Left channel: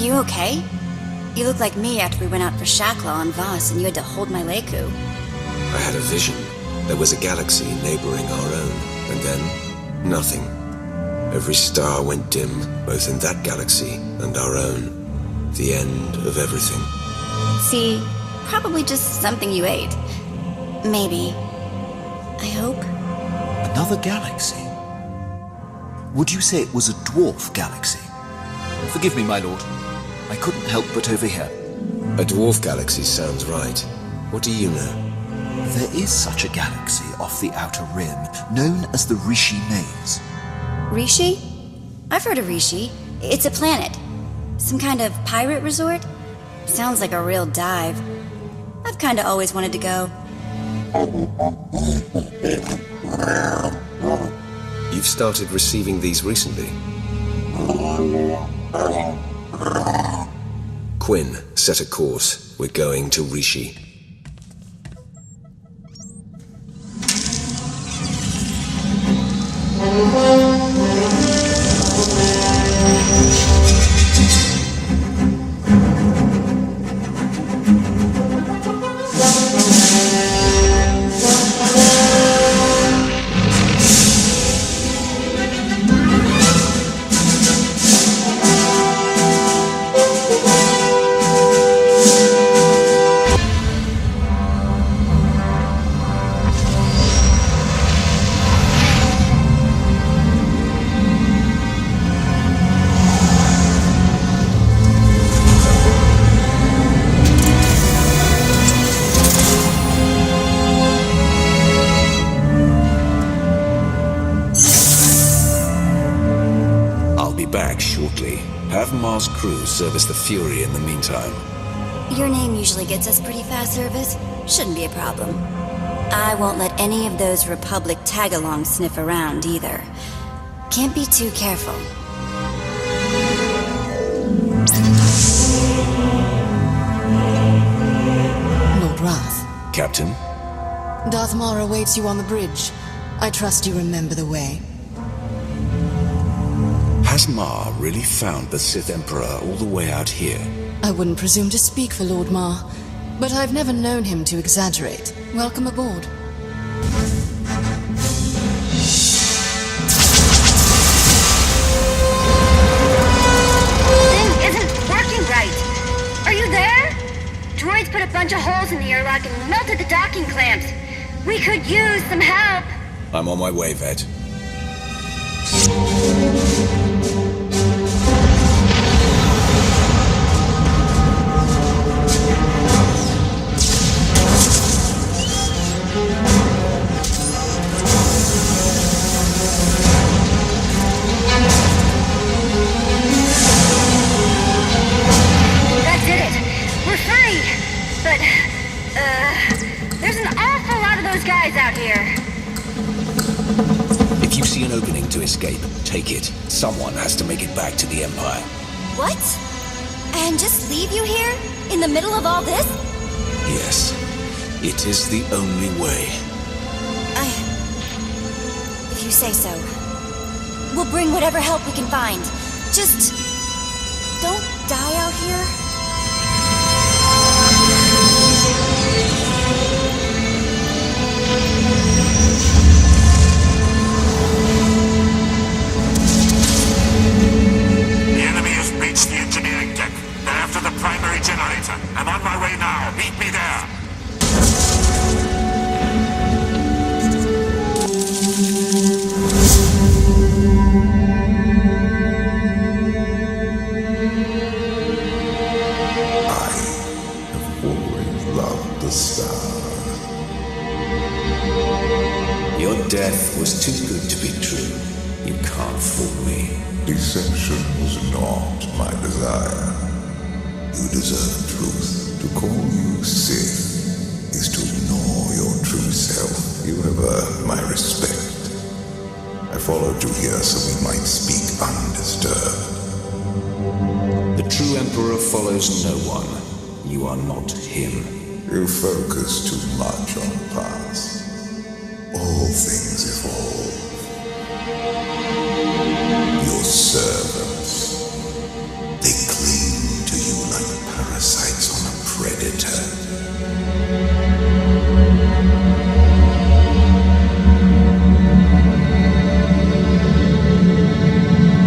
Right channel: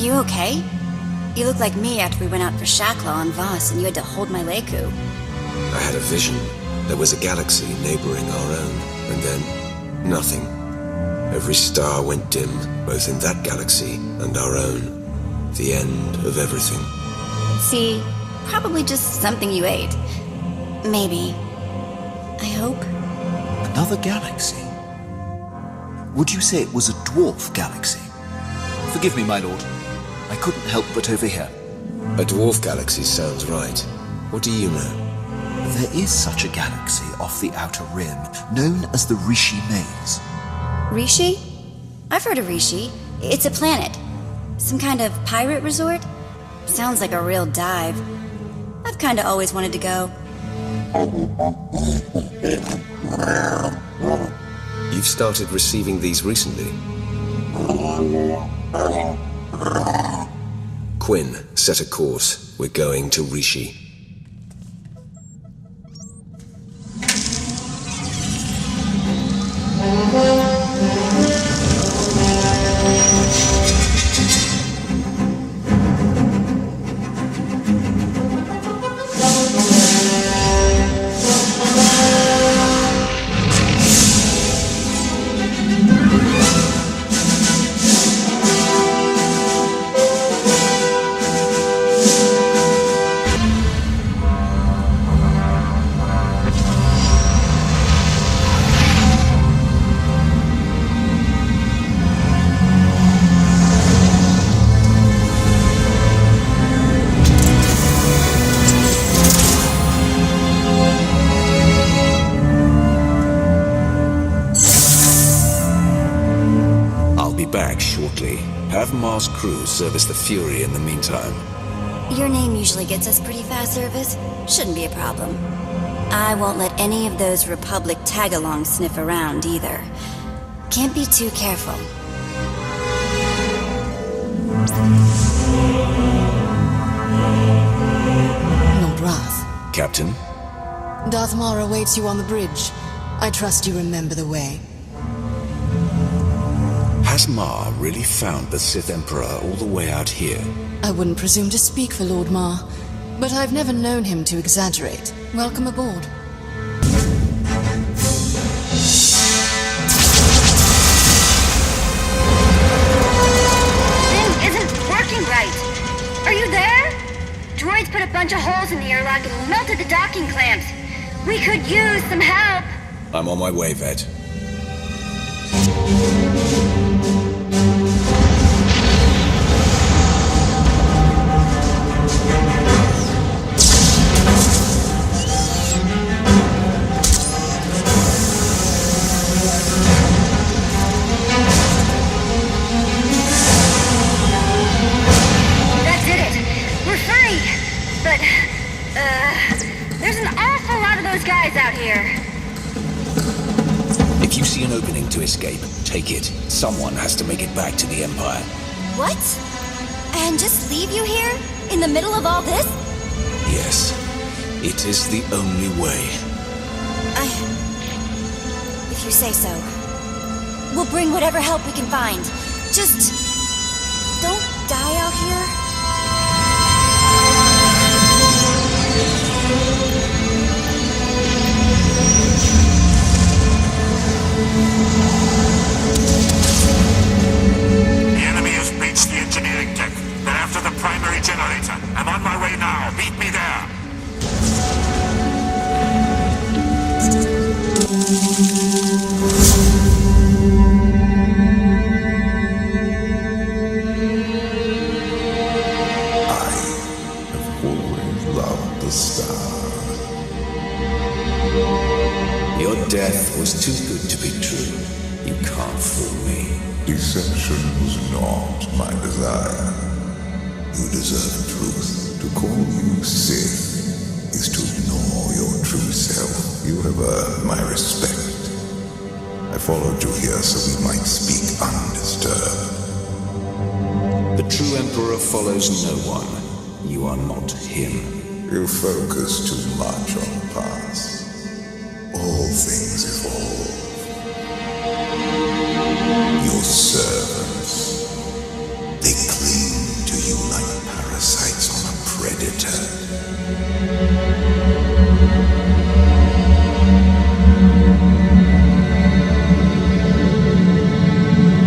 You okay? You look like me after we went out for Shakla on Voss and you had to hold my Leku. I had a vision. There was a galaxy neighboring our own, and then, nothing. Every star went dim, both in that galaxy and our own. The end of everything. See, probably just something you ate. Maybe. I hope. Another galaxy? Would you say it was a dwarf galaxy? Forgive me, my lord. I couldn't help but overhear. A dwarf galaxy sounds right. What do you know? There is such a galaxy off the outer rim, known as the Rishi Maze. Rishi? I've heard of Rishi. It's a planet. Some kind of pirate resort? Sounds like a real dive. I've kinda always wanted to go. You've started receiving these recently. Quinn, set a course. We're going to Rishi. I'll be back shortly. Have Mars crew service the Fury in the meantime. Your name usually gets us pretty fast service. Shouldn't be a problem. I won't let any of those Republic tag-alongs sniff around, either. Can't be too careful. Lord Wrath. Captain? Darth Mara awaits you on the bridge. I trust you remember the way. Has Ma really found the Sith Emperor all the way out here? I wouldn't presume to speak for Lord Ma, but I've never known him to exaggerate. Welcome aboard. Thing isn't working right. Are you there? Droids put a bunch of holes in the airlock and melted the docking clamps. We could use some help. I'm on my way, Vette. That did it. We're free. But, there's an awful lot of those guys out here. If you see an opening to escape, take it. Someone has to make it back to the Empire. What? And just leave you here? In the middle of all this? Yes. It is the only way. If you say so. We'll bring whatever help we can find. Just... don't die out here. The enemy has breached the engineering deck. They're after the primary generator. I'm on my way now. Meet me there. I have always loved the stars. Your death was too good to be true. You can't fool me. Deception was not my desire. You deserve truth. To call you Sith is to ignore your true self. You have earned my respect. I followed you here so we might speak undisturbed. The true Emperor follows no one. You are not him. You focus too much on the past. All things evolve. Your servants, they cling predator.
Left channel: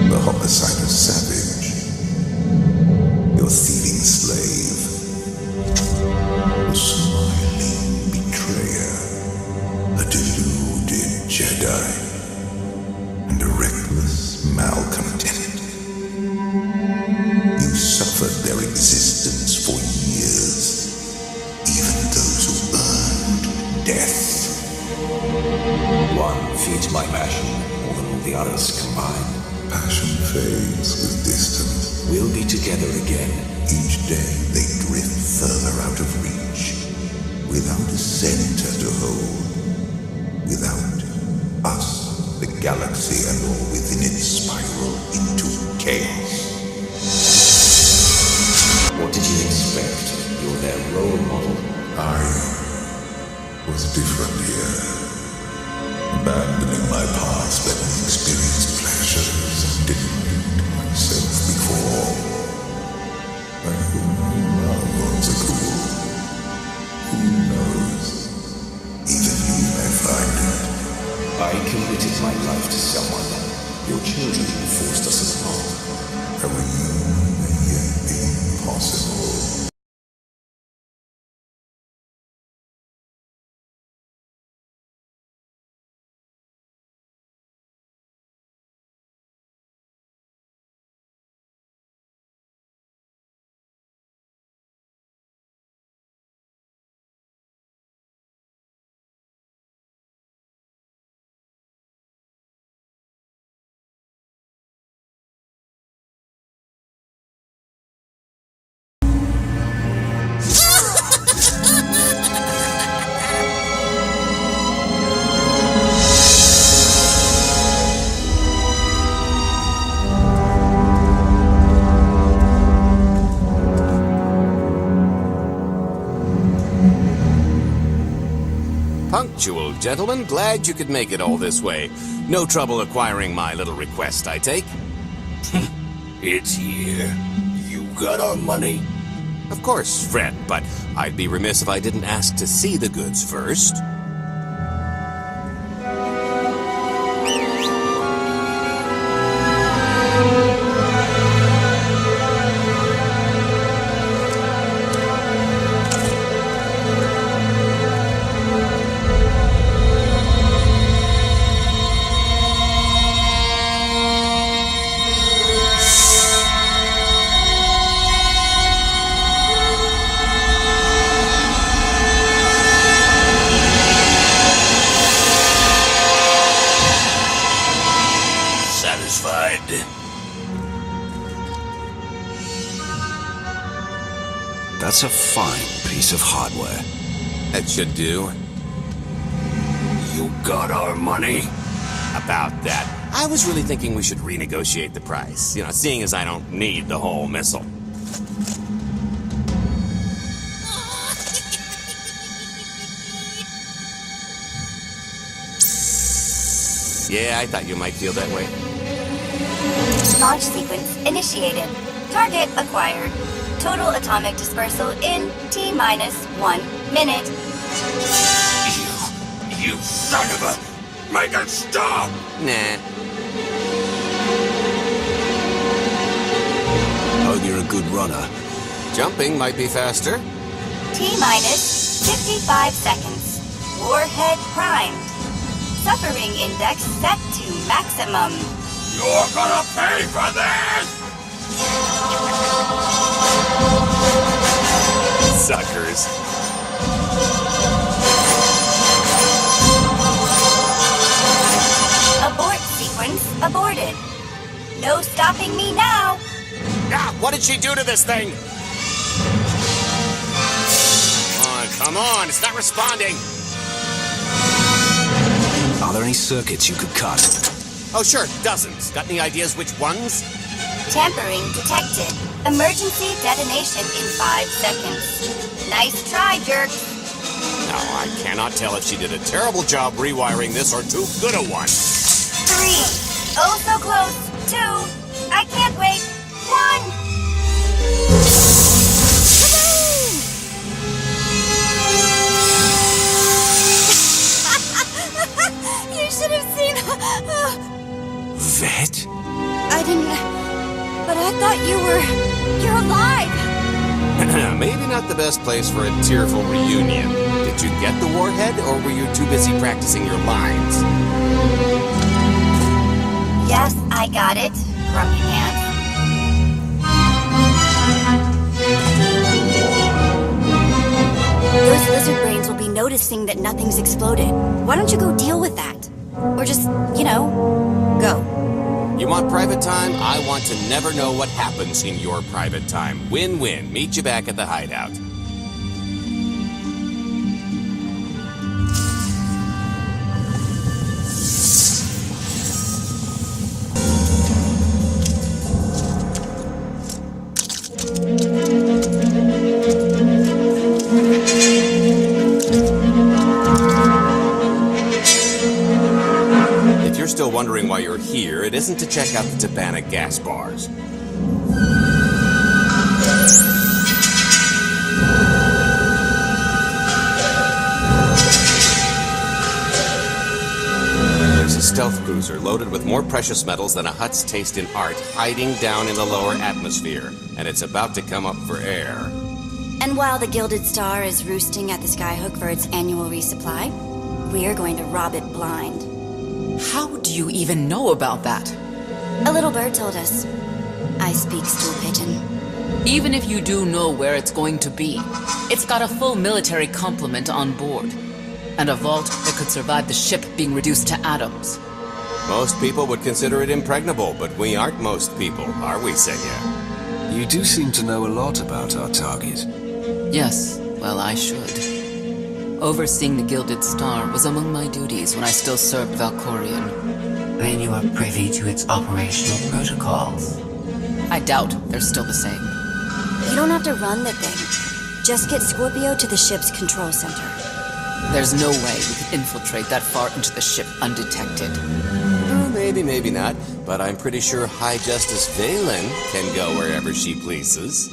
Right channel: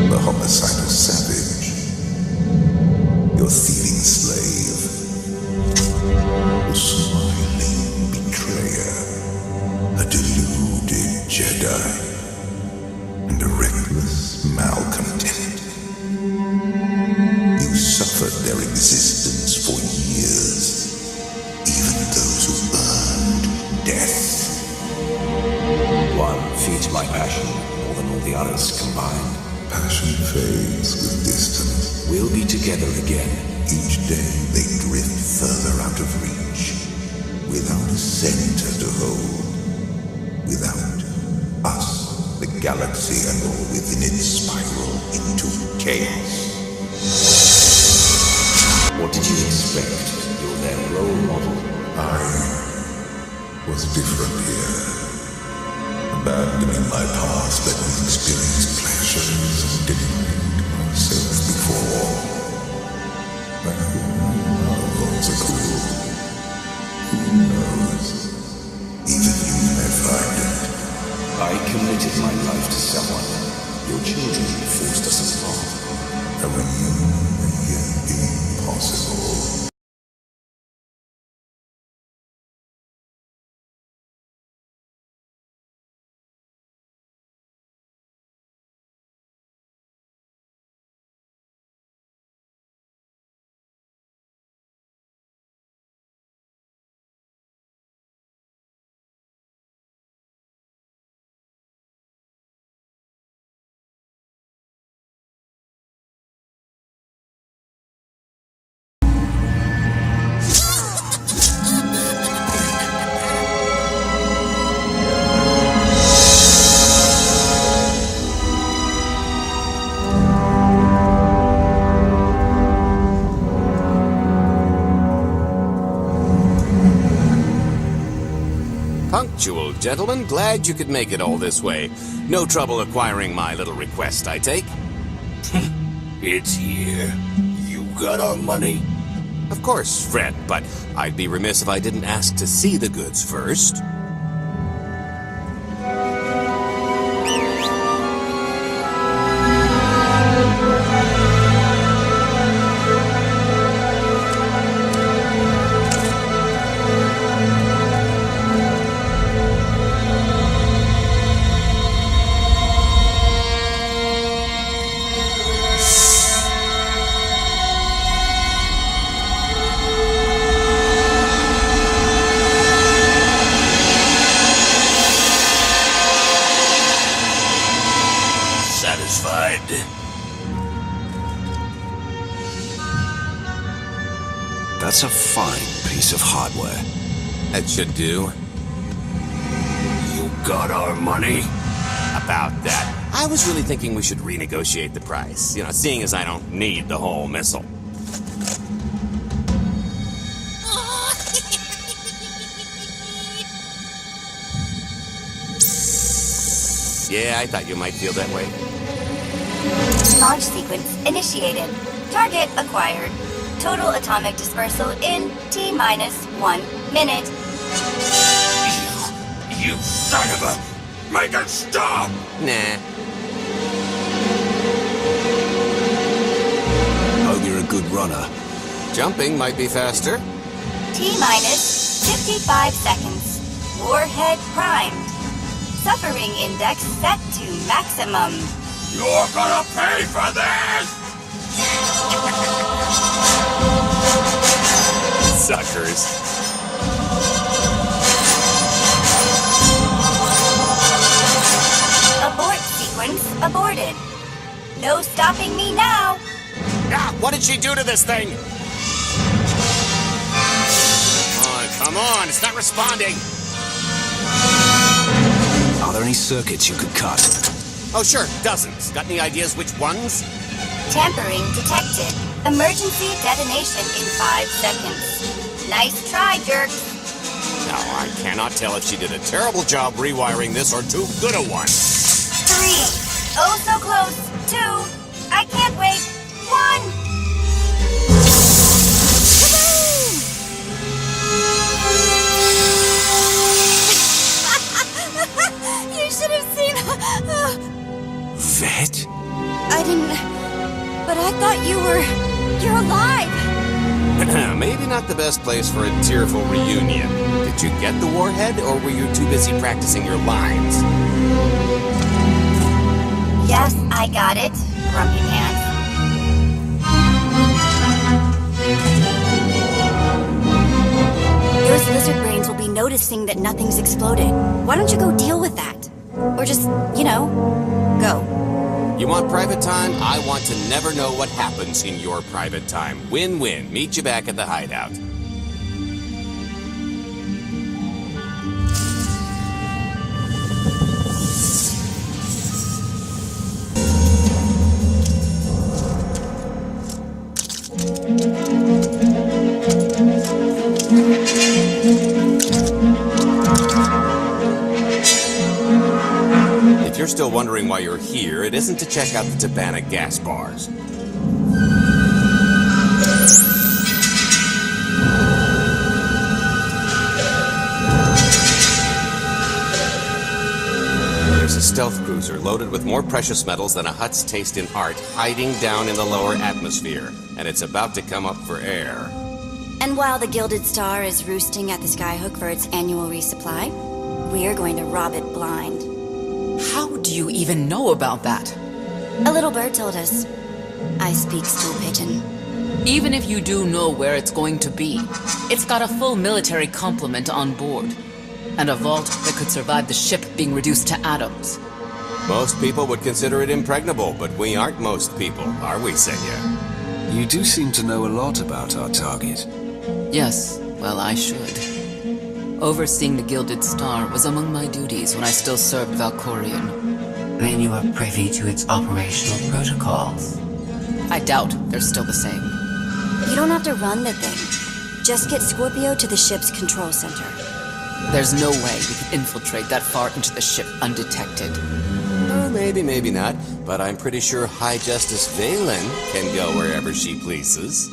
The homicidal savage. Your thieving slave. The smiling betrayer. A deluded Jedi. And a reckless malcontent. You suffered their existence for years, even those who earned death. One feeds my passion more than all the others combined. Passion fades with distance. We'll be together again. Each day they drift further out of reach, without a center to hold, without us, the galaxy and all within it spiral into chaos. What did you expect? You're their role model. I was different here. Abandoning my past let me experience pleasures I denied myself before. I have no love on Zakul. Who knows? Even you may find it. I committed my life to someone. Your children forced us apart. A reunion may yet be possible. Punctual, gentlemen. Glad you could make it all this way. No trouble acquiring my little request, I take? It's here. You got our money? Of course, friend, but I'd be remiss if I didn't ask to see the goods first. Satisfied? That's a fine piece of hardware. That should do. You got our money? About that. I was really thinking we should renegotiate the price. You know, seeing as I don't need the whole missile. Yeah, I thought you might feel that way. Launch sequence initiated. Target acquired. Total atomic dispersal in T-minus 1 minute. You son of a... Make it stop! Nah. Hope you're a good runner. Jumping might be faster. T-minus 55 seconds. Warhead primed. Suffering index set to maximum. You're gonna pay for this! Suckers. Abort sequence aborted. No stopping me now. Ah, what did she do to this thing? Come on, it's not responding. Are there any circuits you could cut? Oh, sure, dozens. Got any ideas which ones? Tampering detected. Emergency detonation in 5 seconds. Nice try, jerks. No, I cannot tell if she did a terrible job rewiring this or too good a one. 3. Oh, so close. 2. I can't wait. 1. Kaboom! Vette? I didn't... But I thought you were... You're alive! Maybe not the best place for a tearful reunion. Did you get the warhead, or were you too busy practicing your lines? Yes, I got it, Grumpy Pants. Those lizard brains will be noticing that nothing's exploded. Why don't you go deal with that? Or just, go. You want private time? I want to never know what happens in your private time. Win-win. Meet you back at the hideout. If you're still wondering why you're here, it isn't to check out the Tabana gas bars. There's a stealth cruiser loaded with more precious metals than a hut's taste in art hiding down in the lower atmosphere, and it's about to come up for air. And while the Gilded Star is roosting at the Skyhook for its annual resupply, we're going to rob it blind. How do you even know about that? A little bird told us. I speak stool pigeon. Even if you do know where it's going to be, it's got a full military complement on board, and a vault that could survive the ship being reduced to atoms. Most people would consider it impregnable, but we aren't most people, are we, Senya? You do seem to know a lot about our target. Yes, well, I should. Overseeing the Gilded Star was among my duties when I still served Valkorion. Then you are privy to its operational protocols. I doubt they're still the same. You don't have to run the thing. Just get Scorpio to the ship's control center. There's no way we could infiltrate that far into the ship undetected. Oh, maybe not, but I'm pretty sure High Justice Valen can go wherever she pleases.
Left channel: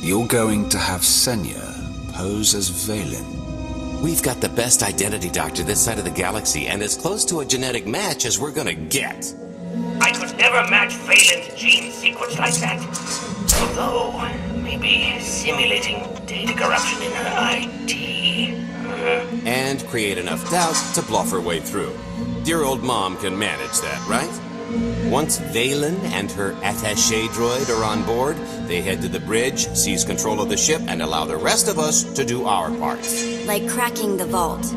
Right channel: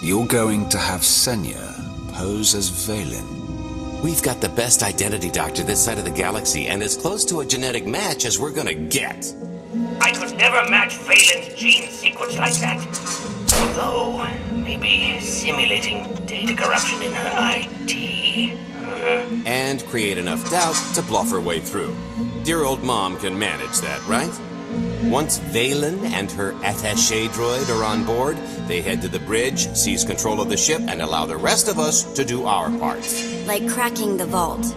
You're going to have Senya pose as Valen. We've got the best identity doctor this side of the galaxy, and as close to a genetic match as we're gonna get. I could never match Phelan's gene sequence like that. Although, maybe simulating data corruption in her IT. And create enough doubt to bluff her way through. Dear old mom can manage that, right? Once Valen and her attaché droid are on board, they head to the bridge, seize control of the ship, and allow the rest of us to do our parts. Like cracking the vault.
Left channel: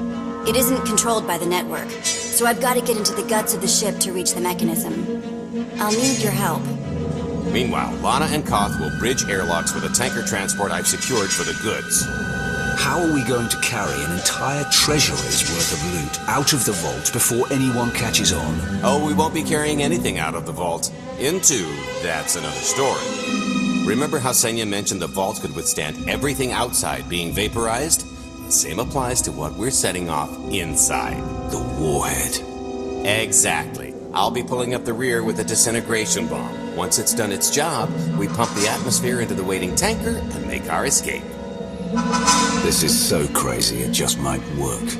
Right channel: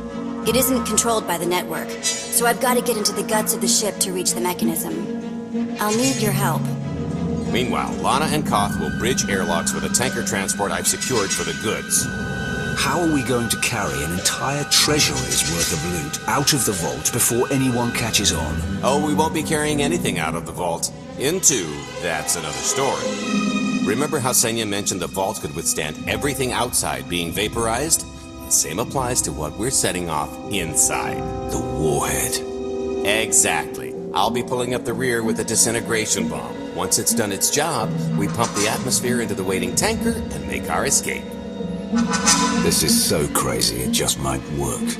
It isn't controlled by the network, so I've got to get into the guts of the ship to reach the mechanism. I'll need your help. Meanwhile, Lana and Koth will bridge airlocks with a tanker transport I've secured for the goods. How are we going to carry an entire treasury's worth of loot out of the vault before anyone catches on? Oh, we won't be carrying anything out of the vault. That's another story. Remember how Senya mentioned the vault could withstand everything outside being vaporized? The same applies to what we're setting off inside. The warhead. Exactly. I'll be pulling up the rear with a disintegration bomb. Once it's done its job, we pump the atmosphere into the waiting tanker and make our escape. This is so crazy it just might work.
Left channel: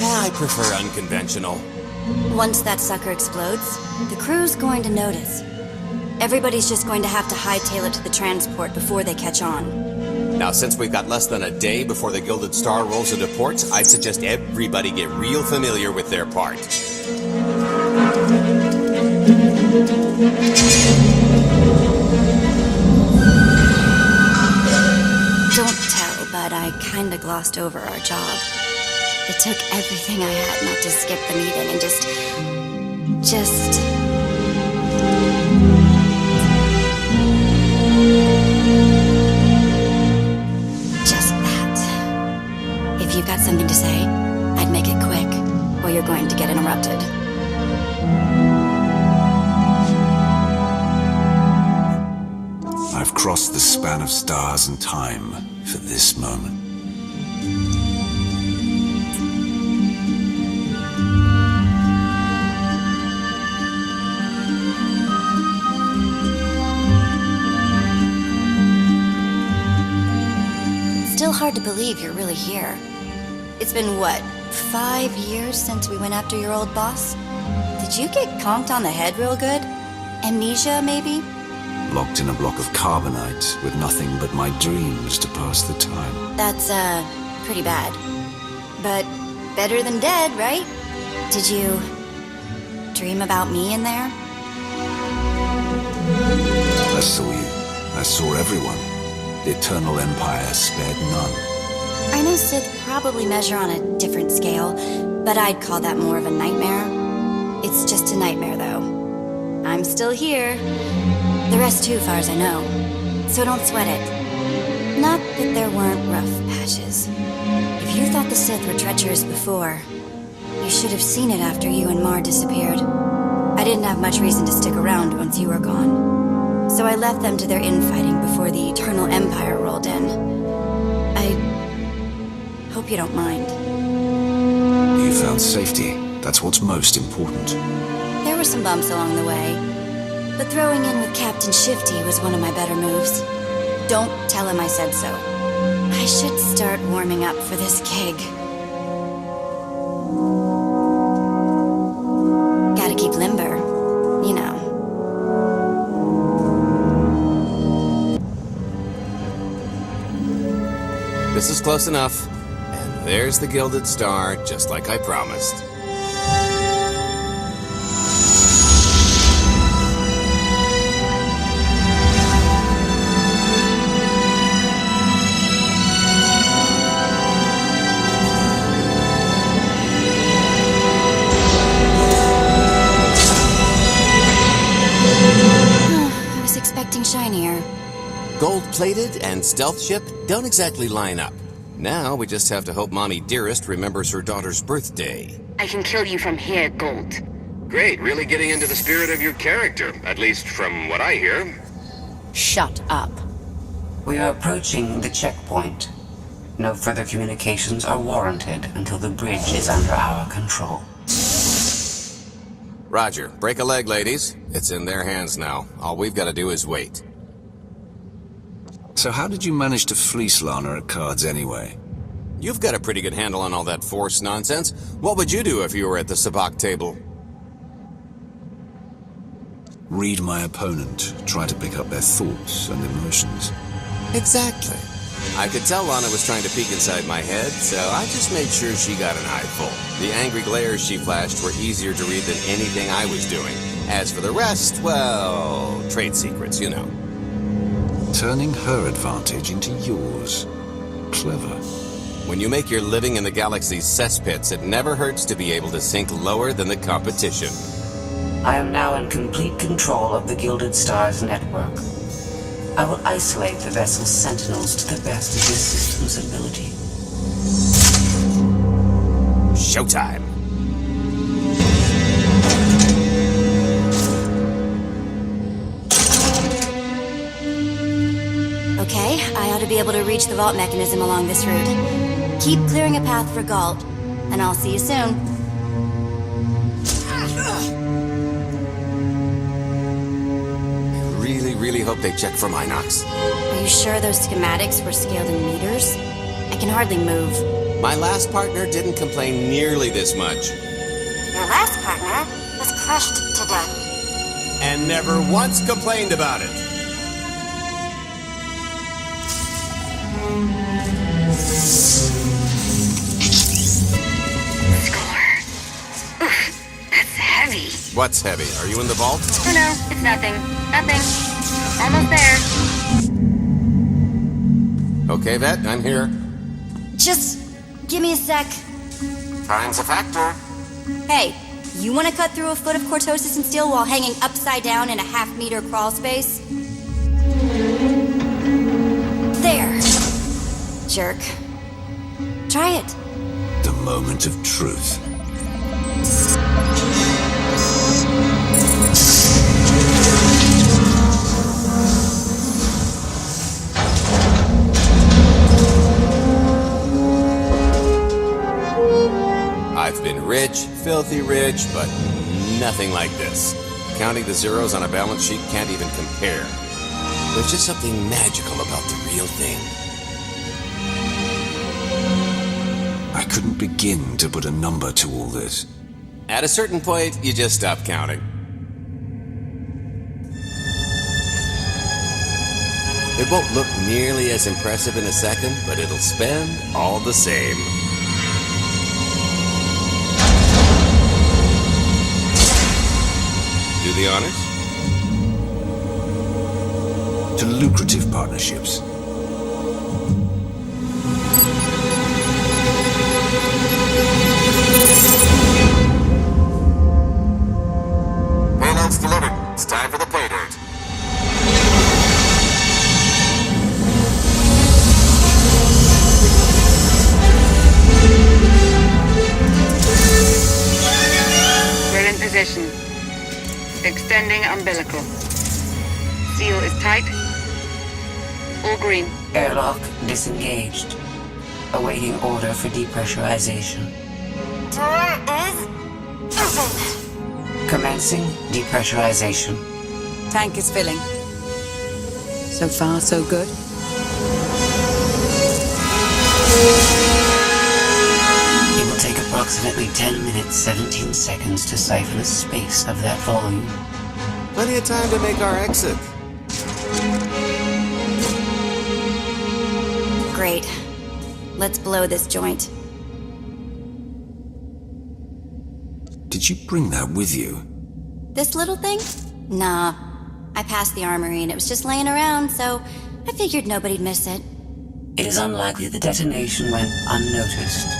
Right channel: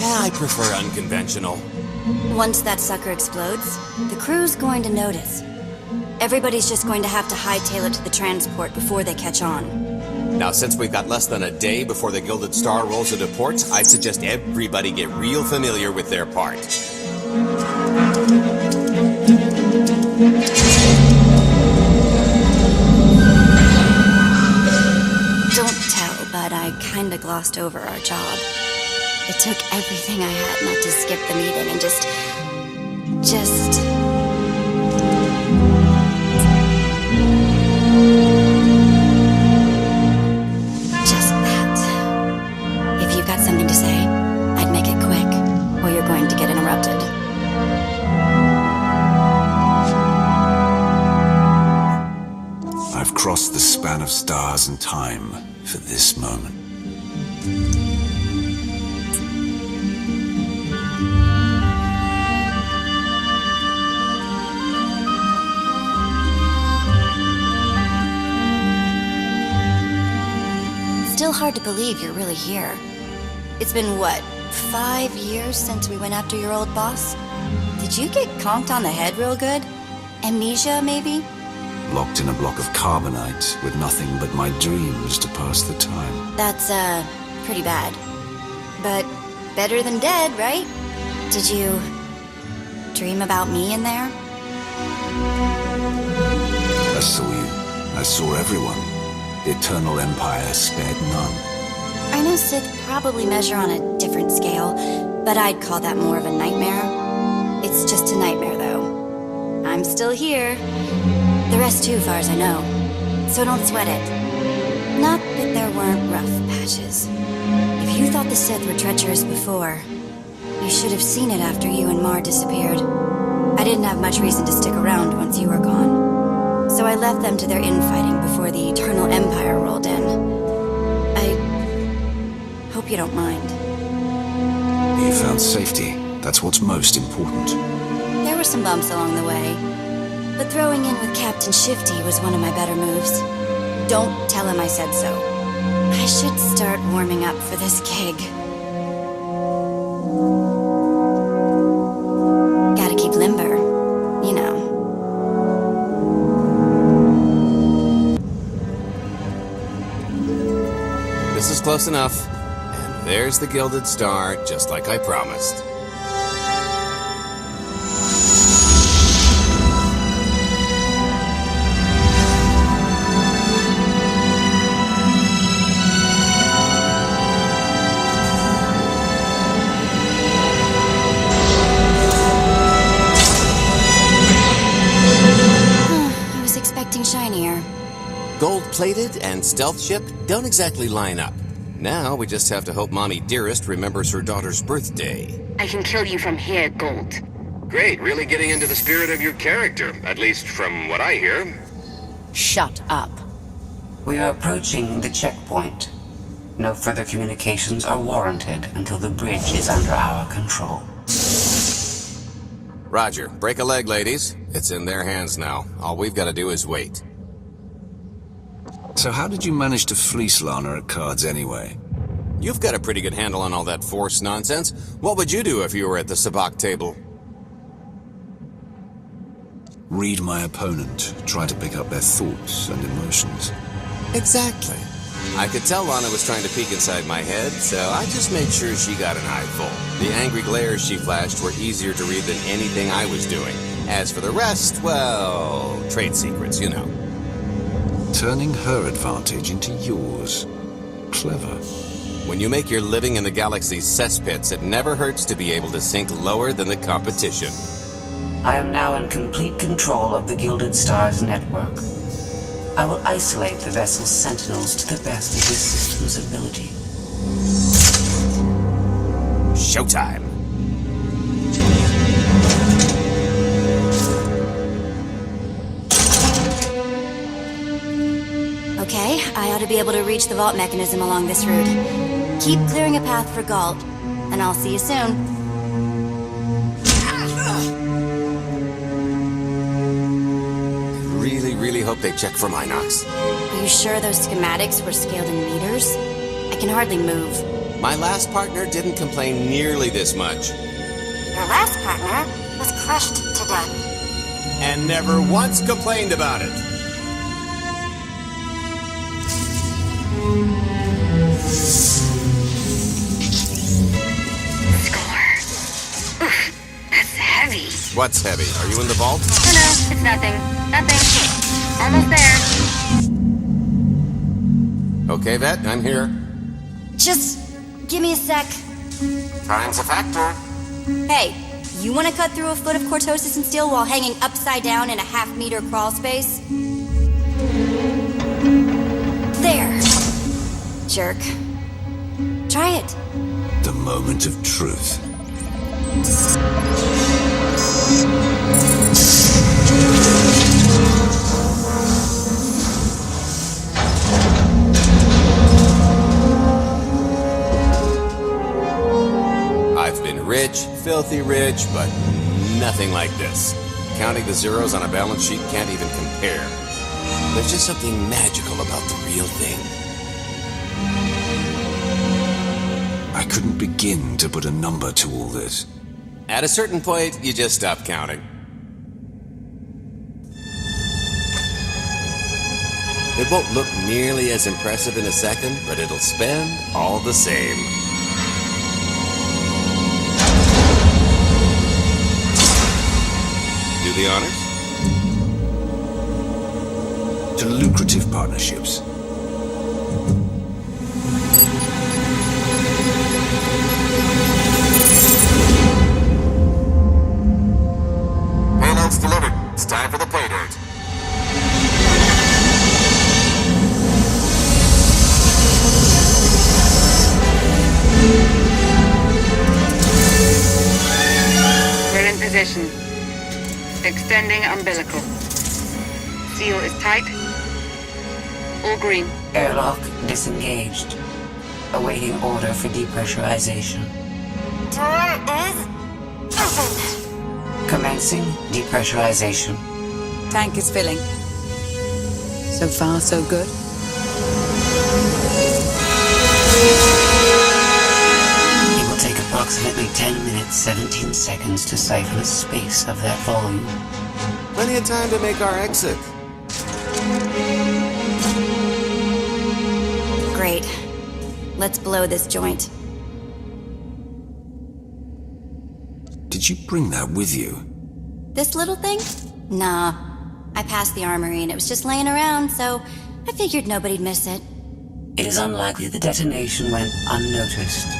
I prefer unconventional. Once that sucker explodes, the crew's going to notice. Everybody's just going to have to hightail it to the transport before they catch on. Now, since we've got less than a day before the Gilded Star rolls into port, I'd suggest everybody get real familiar with their part. Don't tell, but I kinda glossed over our job. It took everything I had not to skip the meeting and just that. If you've got something to say, I'd make it quick, or you're going to get interrupted. I've crossed the span of stars and time for this moment. Still hard to believe you're really here. It's been, what, 5 years since we went after your old boss? Did you get conked on the head real good? Amnesia, maybe? Locked in a block of carbonite with nothing but my dreams to pass the time. That's, pretty bad. But better than dead, right? Did you dream about me in there? I saw you. I saw everyone. The Eternal Empire spared none. I know Sith probably measure on a different scale, but I'd call that more of a nightmare. It's just a nightmare, though. I'm still here. The rest too, far as I know. So don't sweat it. Not that there weren't rough patches. If you thought the Sith were treacherous before, you should have seen it after you and Mar disappeared. I didn't have much reason to stick around once you were gone. So I left them to their infighting before the Eternal Empire rolled in. I hope you don't mind. You found safety. That's what's most important. There were some bumps along the way, but throwing in with Captain Shifty was one of my better moves. Don't tell him I said so. I should start warming up for this gig. Gotta keep limber, you know. This is close enough. And there's the Gilded Star, just like I promised. I was expecting shinier. Gold-plated and stealth ship don't exactly line up. Now we just have to hope Mommy Dearest remembers her daughter's birthday. I can kill you from here, Gold. Great, really getting into the spirit of your character, at least from what I hear. Shut up. We are approaching the checkpoint. No further communications are warranted until the bridge is under our control. Roger. Break a leg, ladies. It's in their hands now. All we've got to do is wait. So how did you manage to fleece Lana at cards anyway? You've got a pretty good handle on all that Force nonsense. What would you do if you were at the sabacc table? Read my opponent. Try to pick up their thoughts and emotions. Exactly. I could tell Lana was trying to peek inside my head, so I just made sure she got an eye full. The angry glares she flashed were easier to read than anything I was doing. As for the rest, well, trade secrets, you know. Turning her advantage into yours. Clever. When you make your living in the galaxy's cesspits, it never hurts to be able to sink lower than the competition. I am now in complete control of the Gilded Star's network. I will isolate the vessel's sentinels to the best of this system's ability. Showtime! Okay, I ought to be able to reach the vault mechanism along this route. Keep clearing a path for Galt, and I'll see you soon. I really hope they check for Minox. Are you sure those schematics were scaled in meters? I can hardly move. My last partner didn't complain nearly this much. Your last partner was crushed to death. And never once complained about it. Heavy. What's heavy? Are you in the vault? Oh no, it's nothing. Nothing. Almost there. Okay, Vette, I'm here. Just give me a sec. Time's a factor. Hey, you want to cut through a foot of cortosis and steel while hanging upside down in a half-meter crawl space? There. Jerk. Try it. The moment of truth. I've been rich, filthy rich, but nothing like this. Counting the zeros on a balance sheet can't even compare. There's just something magical about the real thing. I couldn't begin to put a number to all this. At a certain point, you just stop counting. It won't look nearly as impressive in a second, but it'll spend all the same. Do the honors? To lucrative partnerships. Payload's delivered. It's time for the playdate. We're in position. Extending umbilical. Seal is tight. All green. Airlock disengaged. Awaiting order for depressurization. Door is open. Commencing depressurization. Tank is filling. So far, so good. It will take approximately 10 minutes, 17 seconds to siphon a space of that volume. Plenty of time to make our exit. Great. Let's blow this joint. Did you bring that with you? This little thing? Nah. I passed the armory and it was just laying around, so I figured nobody'd miss it. It is unlikely the detonation went unnoticed.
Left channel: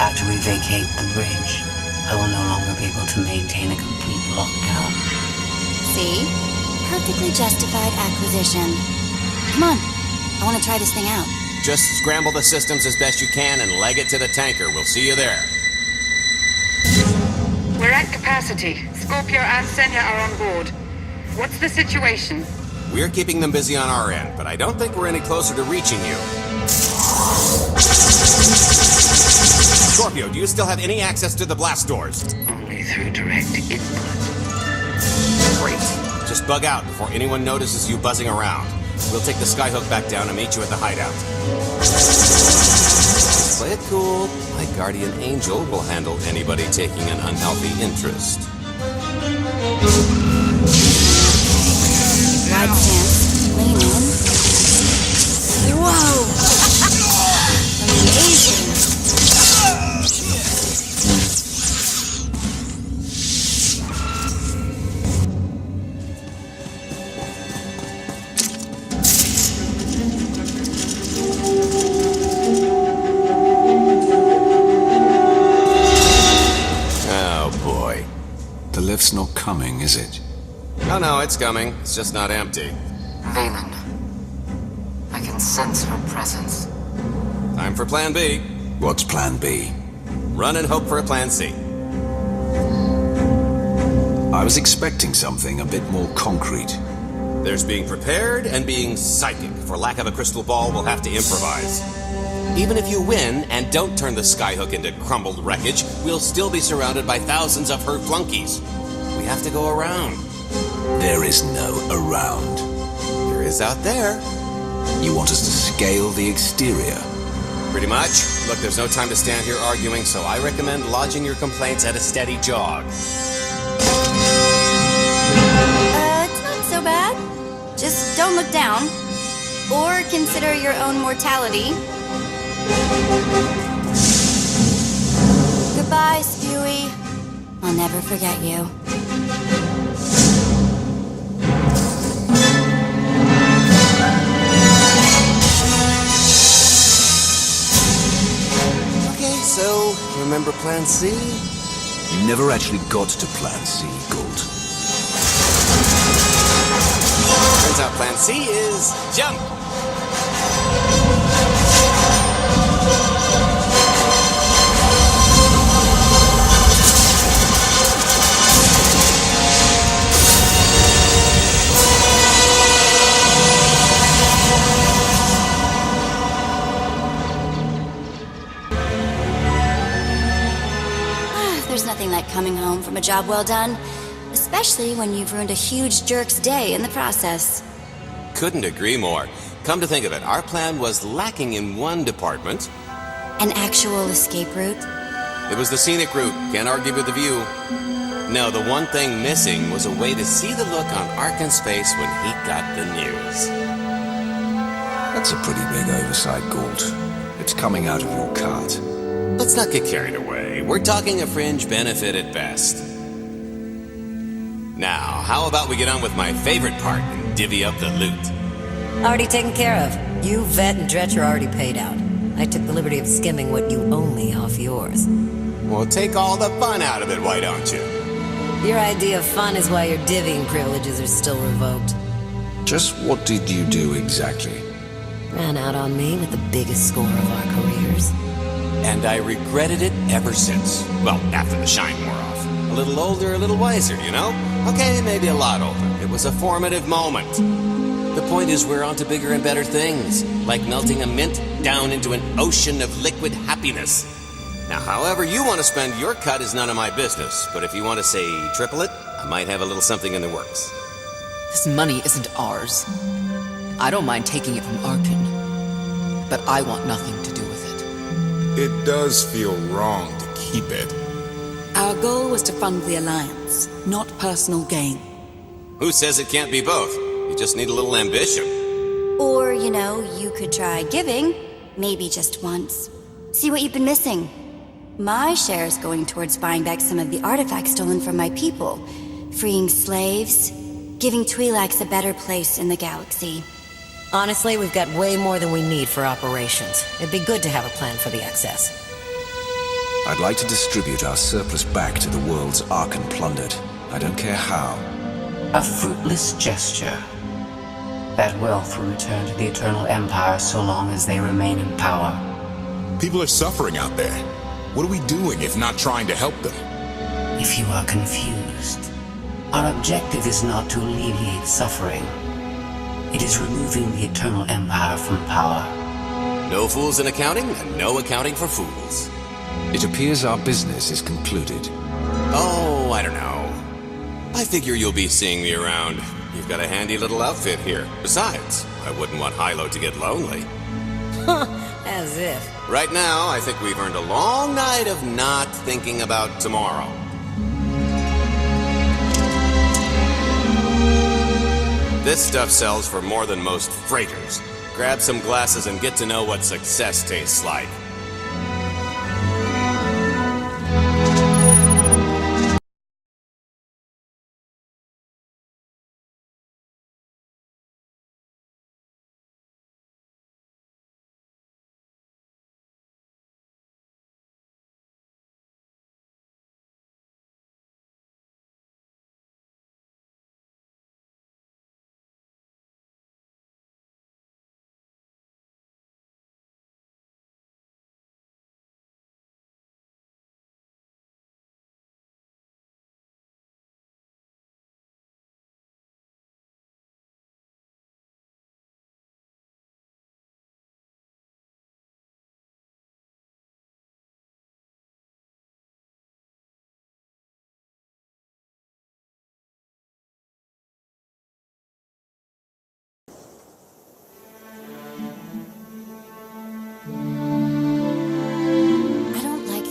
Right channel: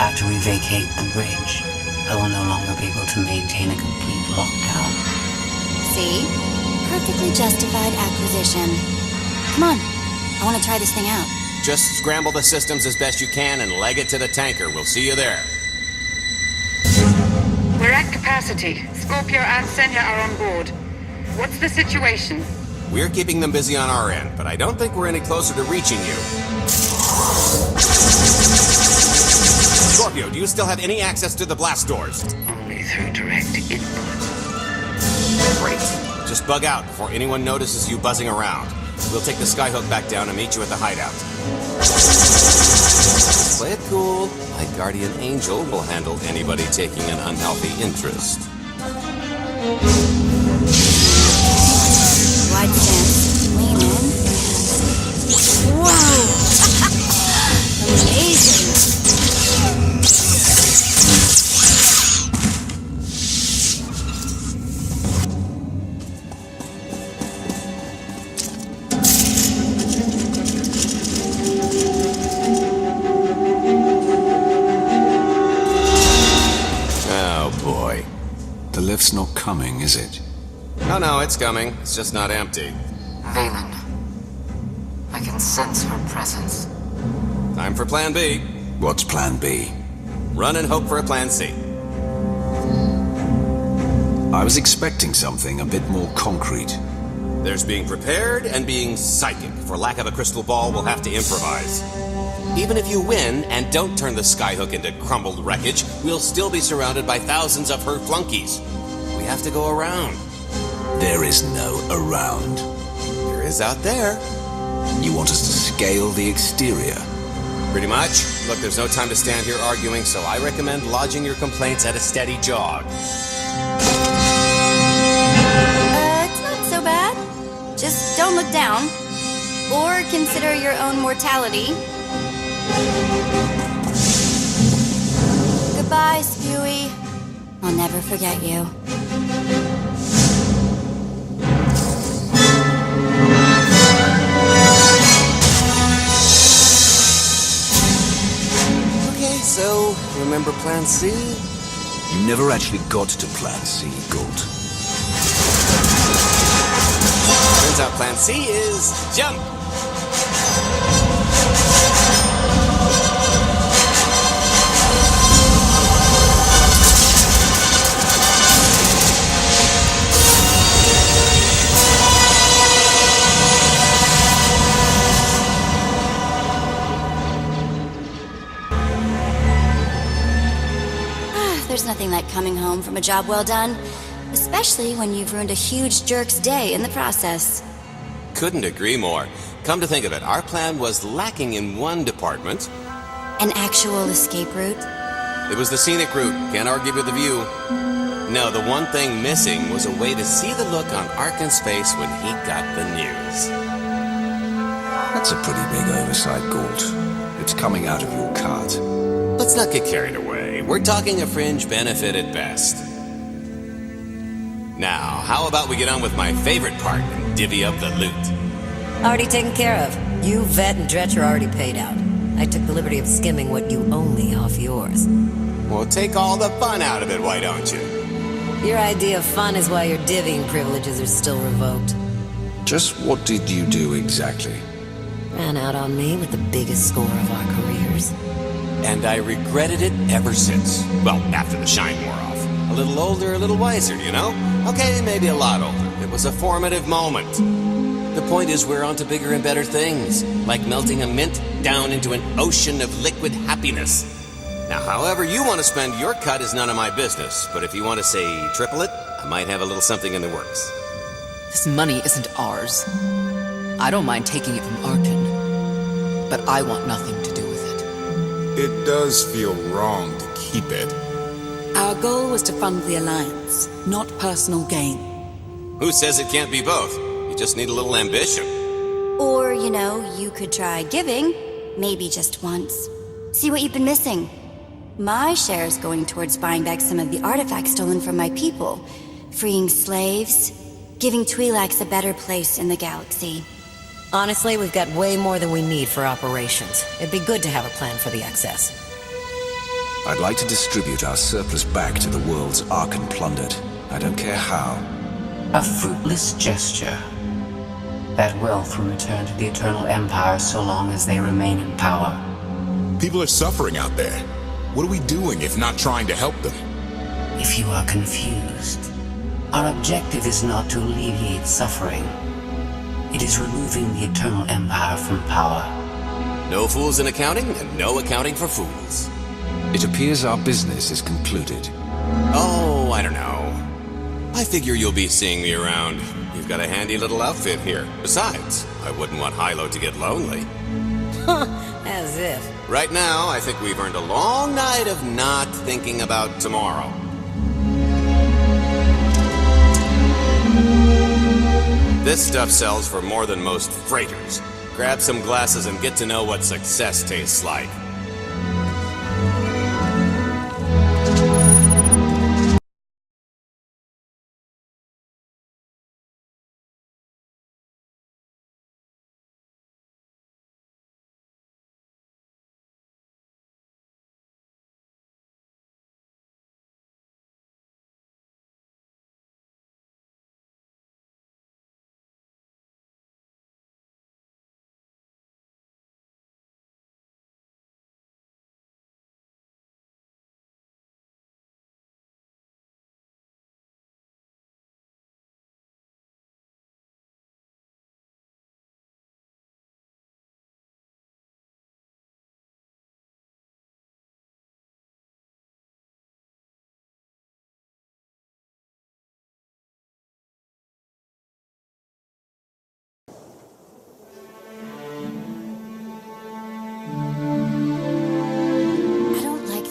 After we vacate the bridge, I will no longer be able to maintain a complete lockdown. See? Perfectly justified acquisition. Come on. I want to try this thing out. Just scramble the systems as best you can and leg it to the tanker. We'll see you there. We're at capacity. Scorpio and Senya are on board. What's the situation? We're keeping them busy on our end, but I don't think we're any closer to reaching you. Scorpio, do you still have any access to the blast doors? Only through direct input. Great. Just bug out before anyone notices you buzzing around. We'll take the skyhook back down and meet you at the hideout. Just play it cool. My guardian angel will handle anybody taking an unhealthy interest. Wide stance. Lean in. Whoa! Amazing! Oh, boy. The lift's not coming, is it? No, it's coming. It's just not empty. Valen. I can sense her presence. Time for Plan B. What's Plan B? Run and hope for a Plan C. I was expecting something a bit more concrete. There's being prepared and being psychic. For lack of a crystal ball, we'll have to improvise. Even if you win and don't turn the skyhook into crumbled wreckage, we'll still be surrounded by thousands of her flunkies. We have to go around. There is no around. There is out there. You want us to scale the exterior? Pretty much. Look, there's no time to stand here arguing, so I recommend lodging your complaints at a steady jog. It's not so bad. Just don't look down. Or consider your own mortality. Goodbye, Spewy. I'll never forget you. Okay, so remember Plan C? You never actually got to Plan C, Gould. Turns out Plan C is jump! There's nothing like coming home from a job well done, especially when you've ruined a huge jerk's day in the process. Couldn't agree more. Come to think of it, our plan was lacking in one department. An actual escape route? It was the scenic route. Can't argue with the view. No, the one thing missing was a way to see the look on Arkan's face when he got the news. That's a pretty big oversight, Galt. It's coming out of your cut. Let's not get carried away. We're talking a fringe benefit at best. Now, how about we get on with my favorite part and divvy up the loot? Already taken care of. You, Vette, and Dretch are already paid out. I took the liberty of skimming what you owe me off yours. Well, take all the fun out of it, why don't you? Your idea of fun is why your divvying privileges are still revoked. Just what did you do exactly? Ran out on me with the biggest score of our careers. And I regretted it ever since. Well, after the shine wore off. A little older, a little wiser, you know? Okay, maybe a lot older. It was a formative moment. The point is we're on to bigger and better things, like melting a mint down into an ocean of liquid happiness. Now, however you want to spend your cut is none of my business, but if you want to say triple it, I might have a little something in the works. This money isn't ours. I don't mind taking it from Arkan, but I want nothing to do with it. It does feel wrong to keep it. Our goal was to fund the Alliance, not personal gain. Who says it can't be both? You just need a little ambition. Or, you know, you could try giving, maybe just once. See what you've been missing. My share is going towards buying back some of the artifacts stolen from my people, freeing slaves, giving Twi'leks a better place in the galaxy. Honestly, we've got way more than we need for operations. It'd be good to have a plan for the excess. I'd like to distribute our surplus back to the worlds Arkan plundered. I don't care how. A fruitless gesture. That wealth will return to the Eternal Empire so long as they remain in power. People are suffering out there. What are we doing if not trying to help them? If you are confused, our objective is not to alleviate suffering. It is removing the Eternal Empire from power. No fools in accounting, and no accounting for fools. It appears our business is concluded. Oh, I don't know. I figure you'll be seeing me around. You've got a handy little outfit here. Besides, I wouldn't want Hilo to get lonely. As if. Right now, I think we've earned a long night of not thinking about tomorrow. This stuff sells for more than most freighters. Grab some glasses and get to know what success tastes like.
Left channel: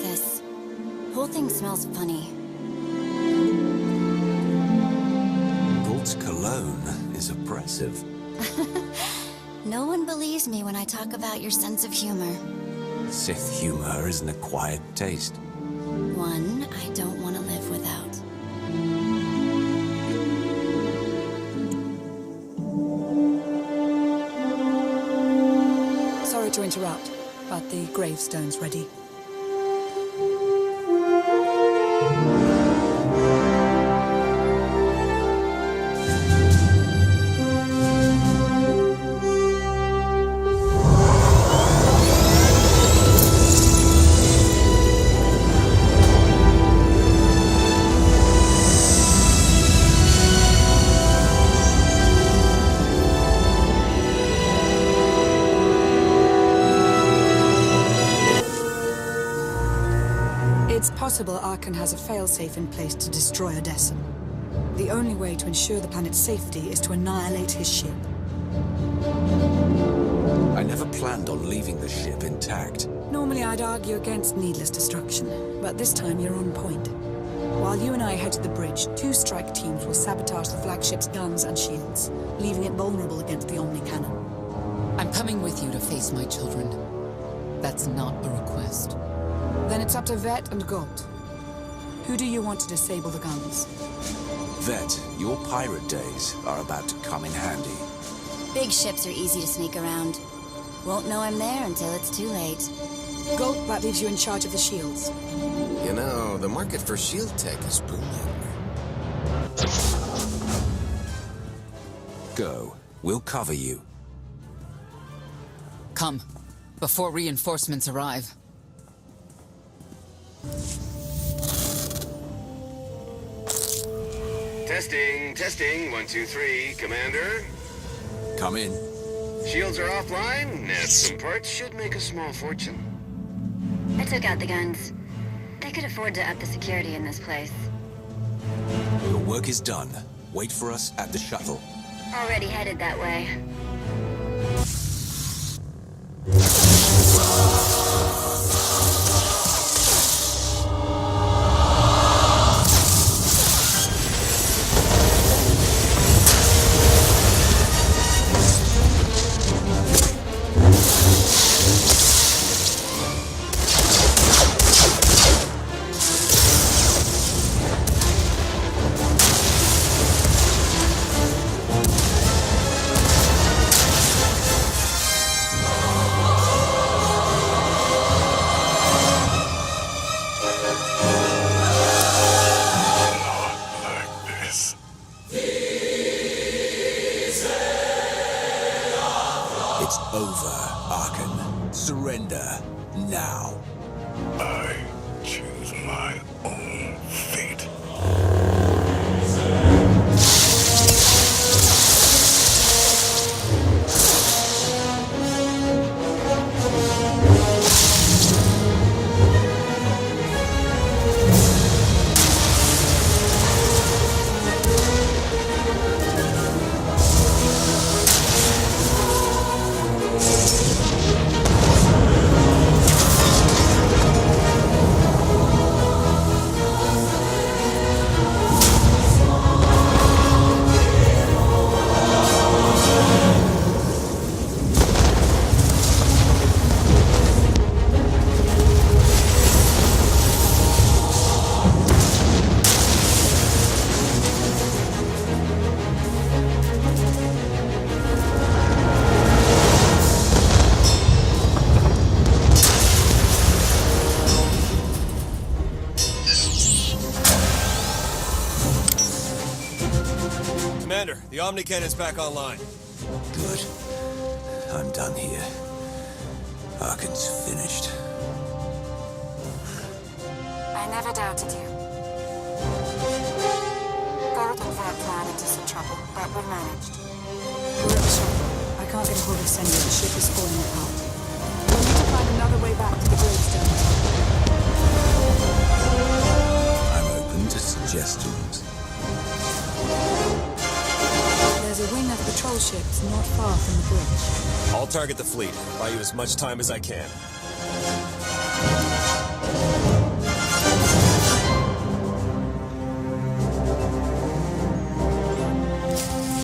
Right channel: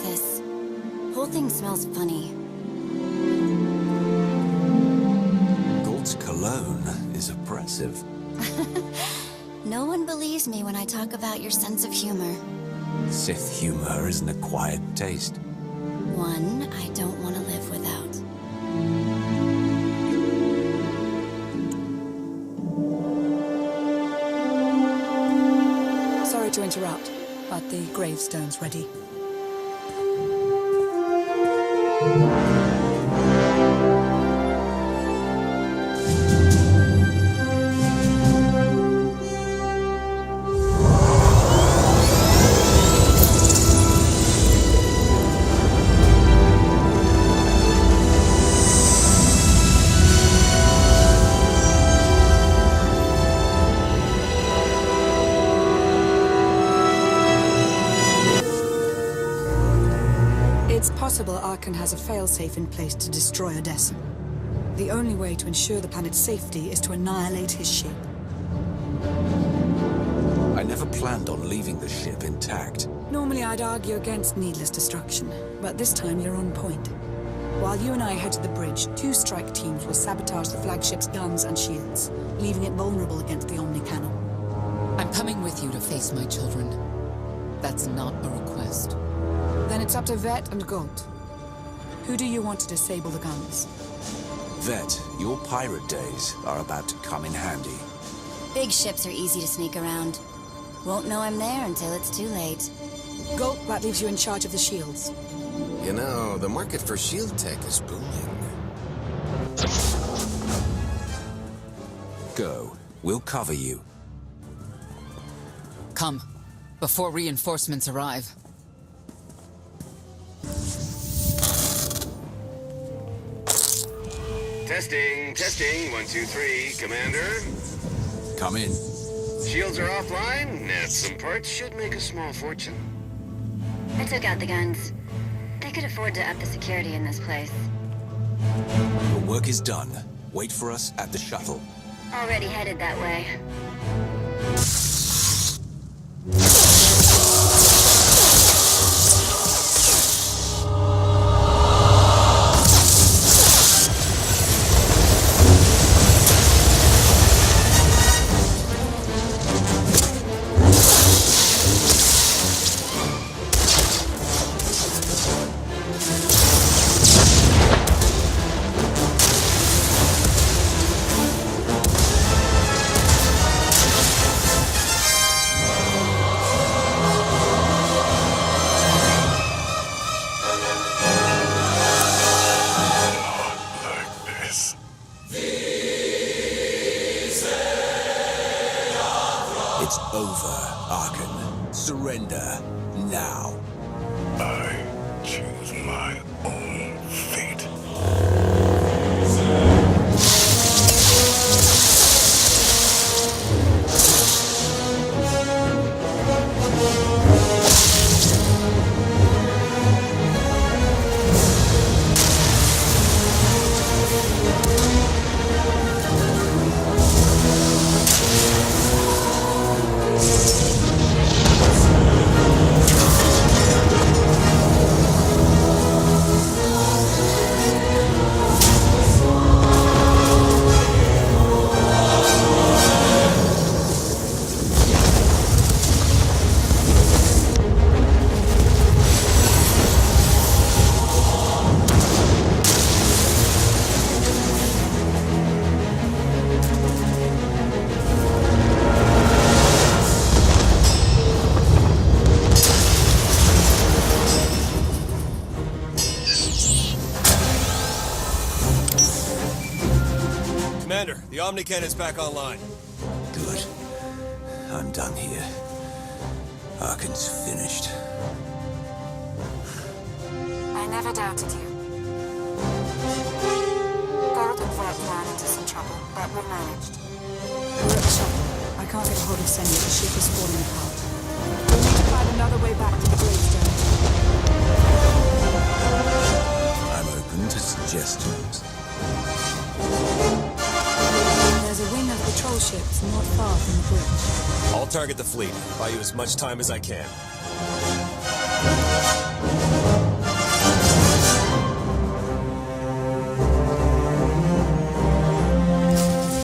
This whole thing smells funny. Galt's cologne is oppressive. No one believes me when I talk about your sense of humor. Sith humor is an acquired taste. One I don't want to live without. Sorry to interrupt, but the gravestone's ready. It's possible Arkan has a failsafe in place to destroy Odessen. The only way to ensure the planet's safety is to annihilate his ship. I never planned on leaving the ship intact. Normally I'd argue against needless destruction, but this time you're on point. While you and I head to the bridge, 2 strike teams will sabotage the flagship's guns and shields, leaving it vulnerable against the Omni Cannon. I'm coming with you to face my children. That's not a request. Then it's up to Vette and Gold. Who do you want to disable the guns? Vette, your pirate days are about to come in handy. Big ships are easy to sneak around. Won't know I'm there until it's too late. Gold, that leaves you in charge of the shields. You know, the market for shield tech is booming. Go. We'll cover you. Come, before reinforcements arrive. Testing, 1, 2, 3, Commander. Come in. Shields are offline. Some parts should make a small fortune. I took out the guns. They could afford to up the security in this place. Your work is done. Wait for us at the shuttle. Already headed that way. It's over, Arkan. Surrender, now. I choose my own fate. Commander, the Omni Cannon's back online. Good. I'm done here. Arkan's finished. I never doubted you. Gold and Vette ran into some trouble, but we managed. We're at the shuttle. I can't get a hold of Senya. The ship is falling apart. You'll need to find another way back to the gravestone. I'm open to suggestions. There's a wing of patrol ships not far from the bridge. I'll target the fleet. Buy you as much time as I can.